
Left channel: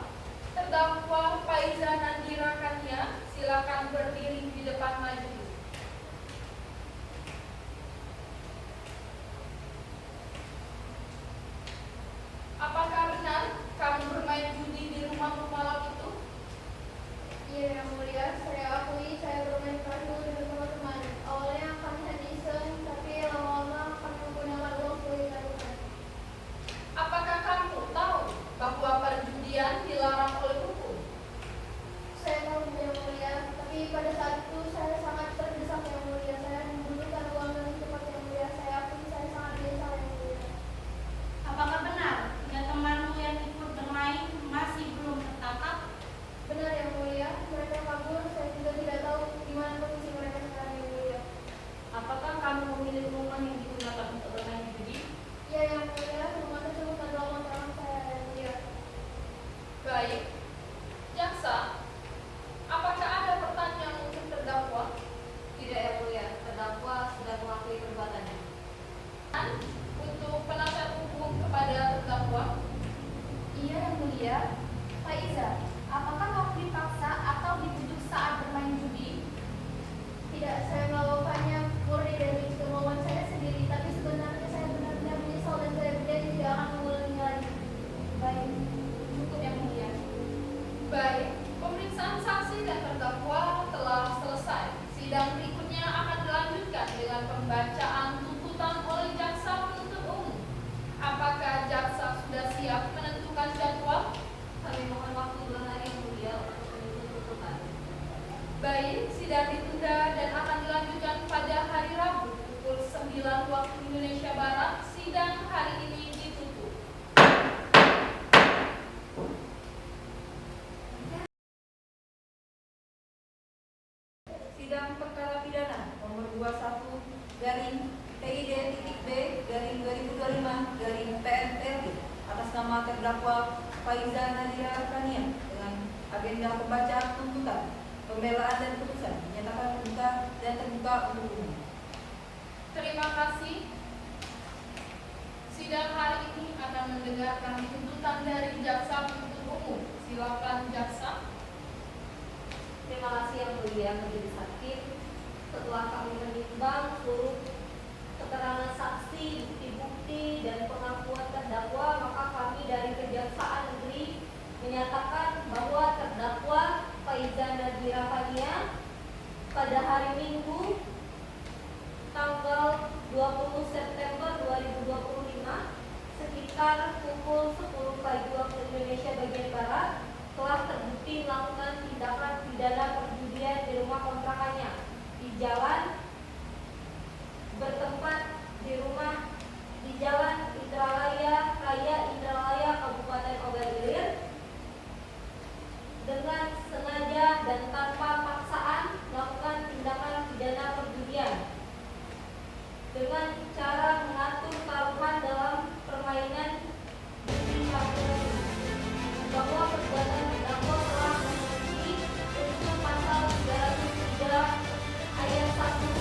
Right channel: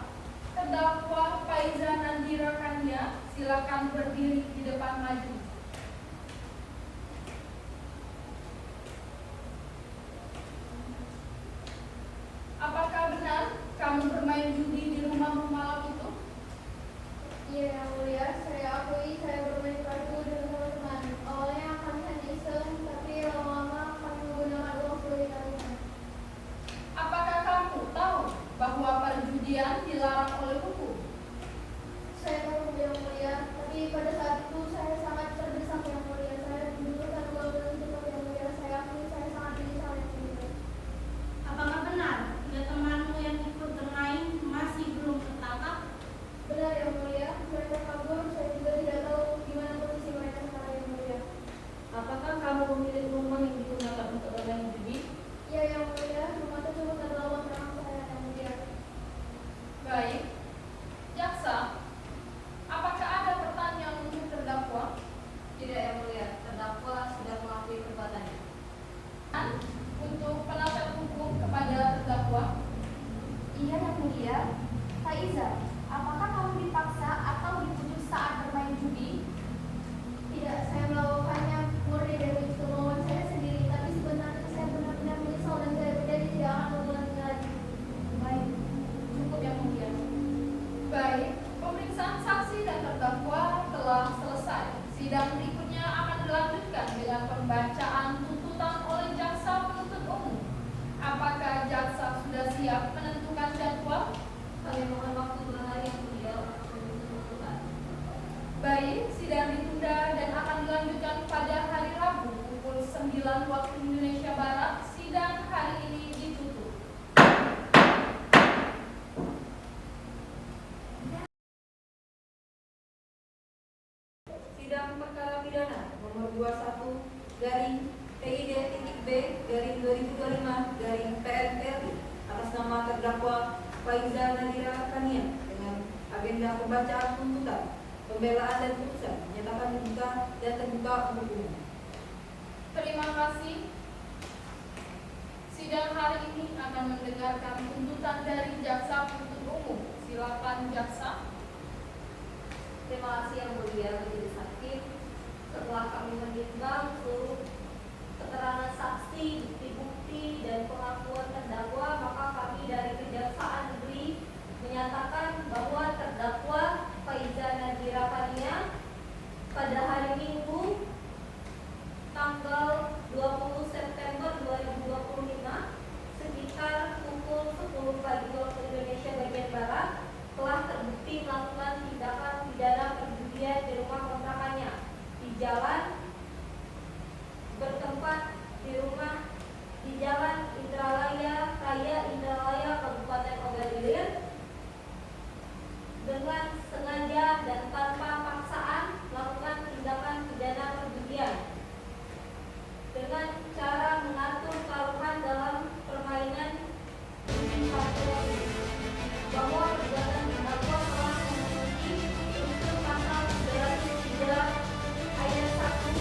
Faiza Nadira Kania. Silakan berdiri di depan majelis. Apakah benar kamu bermain judi di rumahmu malam itu? Iya yang mulia, saya akui saya bermain kartu dengan teman-teman. Awalnya kami hanya iseng, tapi lama-lama kami menggunakan uang sebagai tabungan. Apakah kamu tahu bahwa perjudian dilarang oleh hukum? Saya belum yang mulia, tapi pada saat itu saya sangat terdesak yang mulia. Saya membutuhkan uang dalam cepat yang mulia. Saya akui saya sangat menyesal yang mulia. Apakah benar ya temanmu yang ikut bermain masih belum tertangkap? Benar yang mulia, mereka kabur. Saya juga tidak tahu di mana posisi mereka sekarang yang mulia. Apakah kamu memilih rumah yang digunakan untuk bermain judi? Ya yang mulia, rumah tersebut adalah uang tangan saya yang mulia. Baik. Jaksa, apakah ada pertanyaan untuk terdakwa? Tidak yang mulia, terdakwa sudah mengakui perbuatannya. Untuk penasihat hukum kepada terdakwa. Iya yang mulia. Faiza, apakah kamu dipaksa atau dibujuk saat bermain judi? Tidak, saya melakukannya murni dari kemauan saya sendiri. Tapi sebenarnya saya benar-benar menyesal dan saya berjanji tidak akan mengulanginya lagi. Baik, cukup yang mulia. Baik, pemeriksaan saksi dan terdakwa telah selesai. Sidang berikutnya akan dilanjutkan dengan pembacaan tuntutan oleh jaksa penuntut umum. Apakah jaksa sudah siap menentukan jadwal? Kami mohon waktu 2 hari mulia untuk tuntutan. Baik, sidang ditunda dan akan dilanjutkan pada hari Rabu pukul 9 waktu Indonesia Barat. Sidang hari ini ditutup. Sidang perkara pidana nomor 21 garing PID.B garing 2025 garing PNLI atas nama terdakwa Faiza Nadira Kania dengan agenda pembacaan tuntutan, pembelaan dan putusan menyatakan terbuka dan terbuka untuk umum. Terima kasih. Sidang hari ini akan mendengarkan tuntutan dari jaksa penuntut umum. Silakan jaksa. Terima kasih yang mulia majelis hakim. Setelah kami menimbang seluruh keterangan saksi, bukti-bukti dan pengakuan terdakwa, maka kami dari Kejaksaan Negeri menyatakan bahwa terdakwa Faiza Nadira Kania pada hari Minggu tanggal 20 September 2025 sekitar pukul 10 pagi waktu Indonesia bagian Barat telah terbukti melakukan tindakan pidana perjudian di rumah kontrakannya di jalan bertempat di Jalan Indralaya Raya Indralaya Kabupaten Ogan-Ilir dengan sengaja dan tanpa paksaan melakukan tindakan pidana perjudian dengan cara mengatur taruhan dalam permainan judi online bahwa perbuatan terdakwa telah memenuhi unsur pasal 303 ayat 1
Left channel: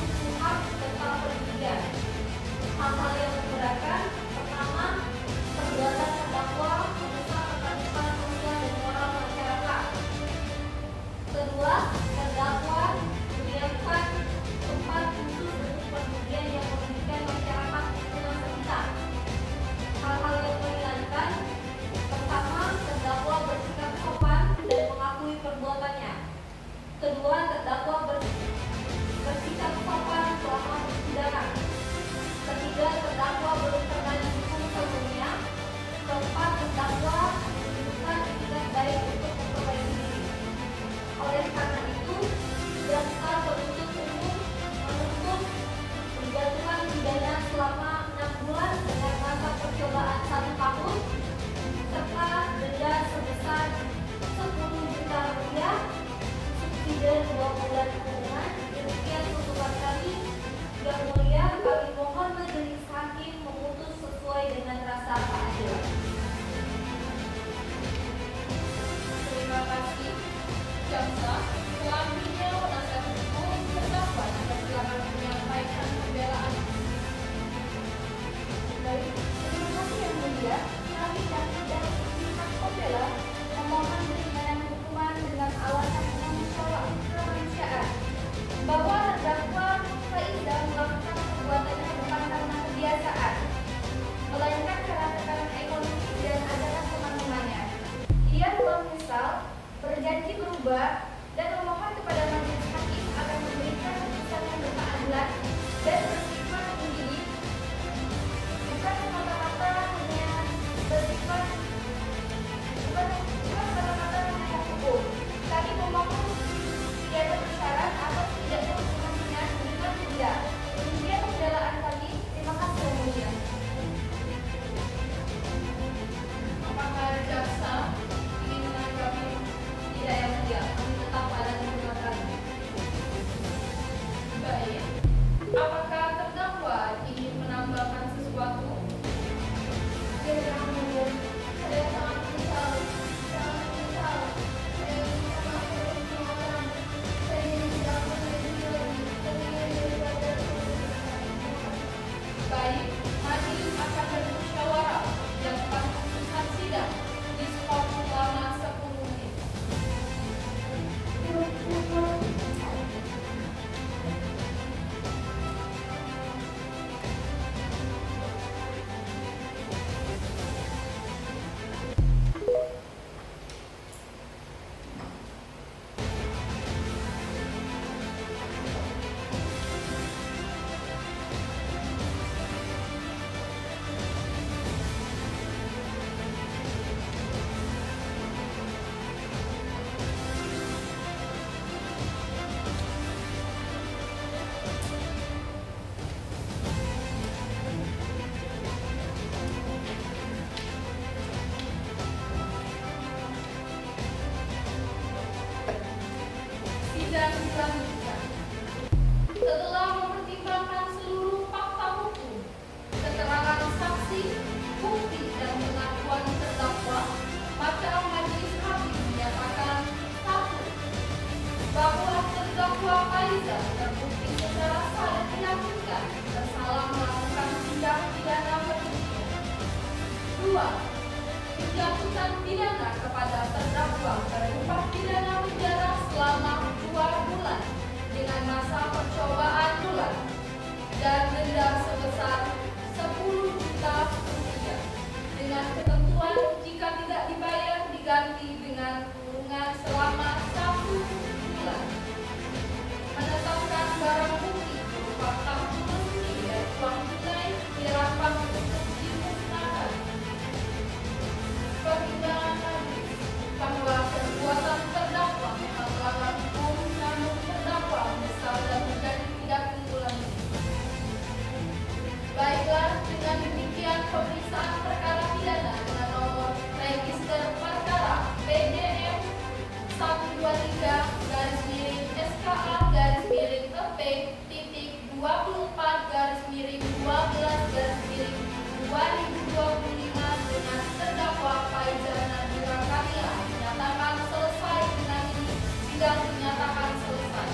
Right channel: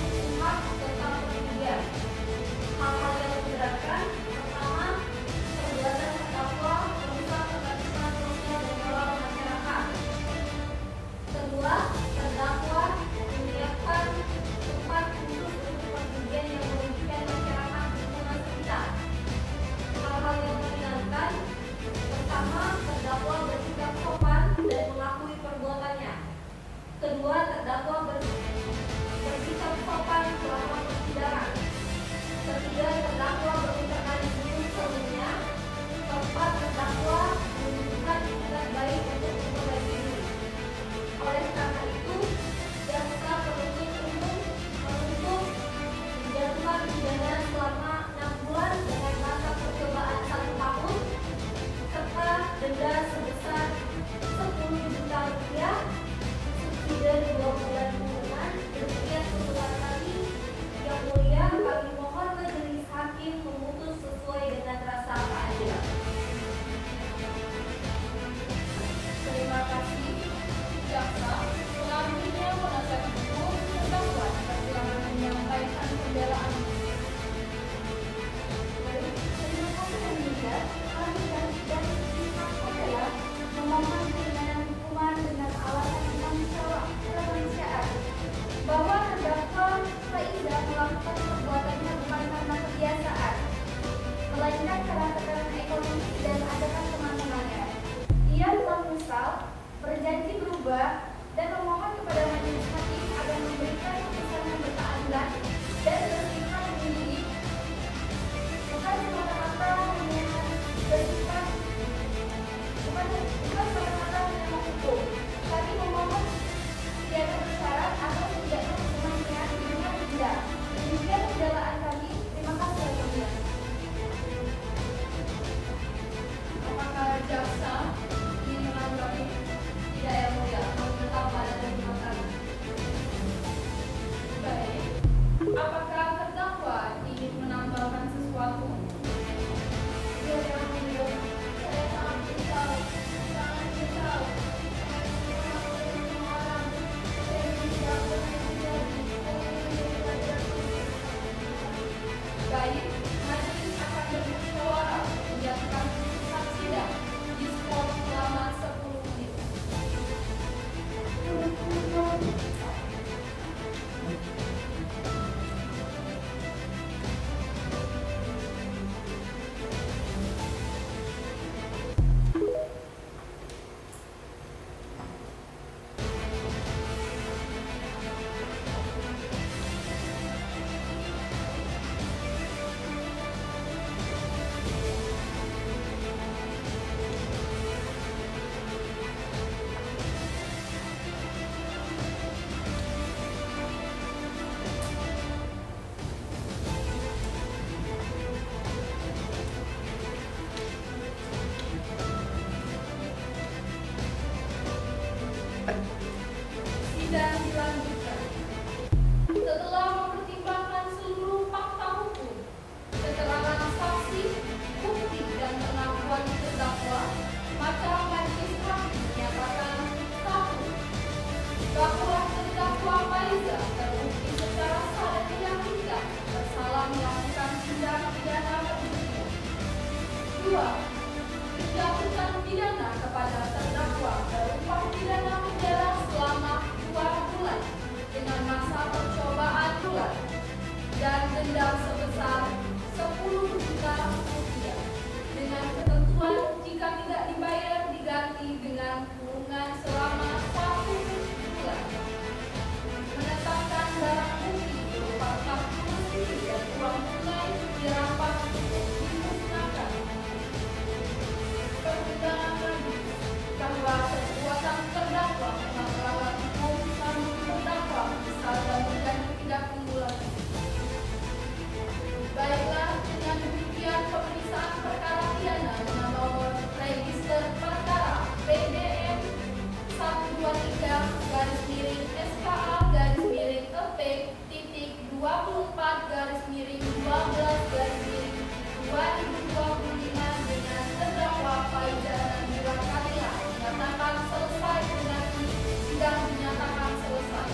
24/12/2025 dengan terdakwa Faiza Nadira Kania nyatakan selesai. Dengan ini sidang dinyatakan selesai.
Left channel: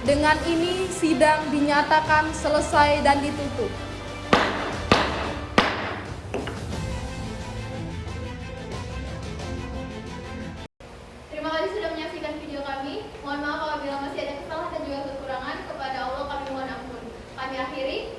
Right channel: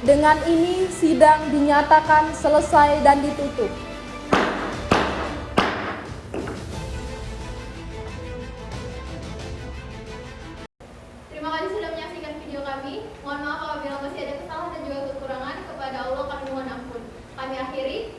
Dengan ini sidang dinyatakan selesai dan ditutup. Terima kasih sudah menyaksikan video kami. Mohon maaf apabila masih ada kesalahan dan juga kekurangan. Kepada Allah kami mohon ampun. Kami akhiri.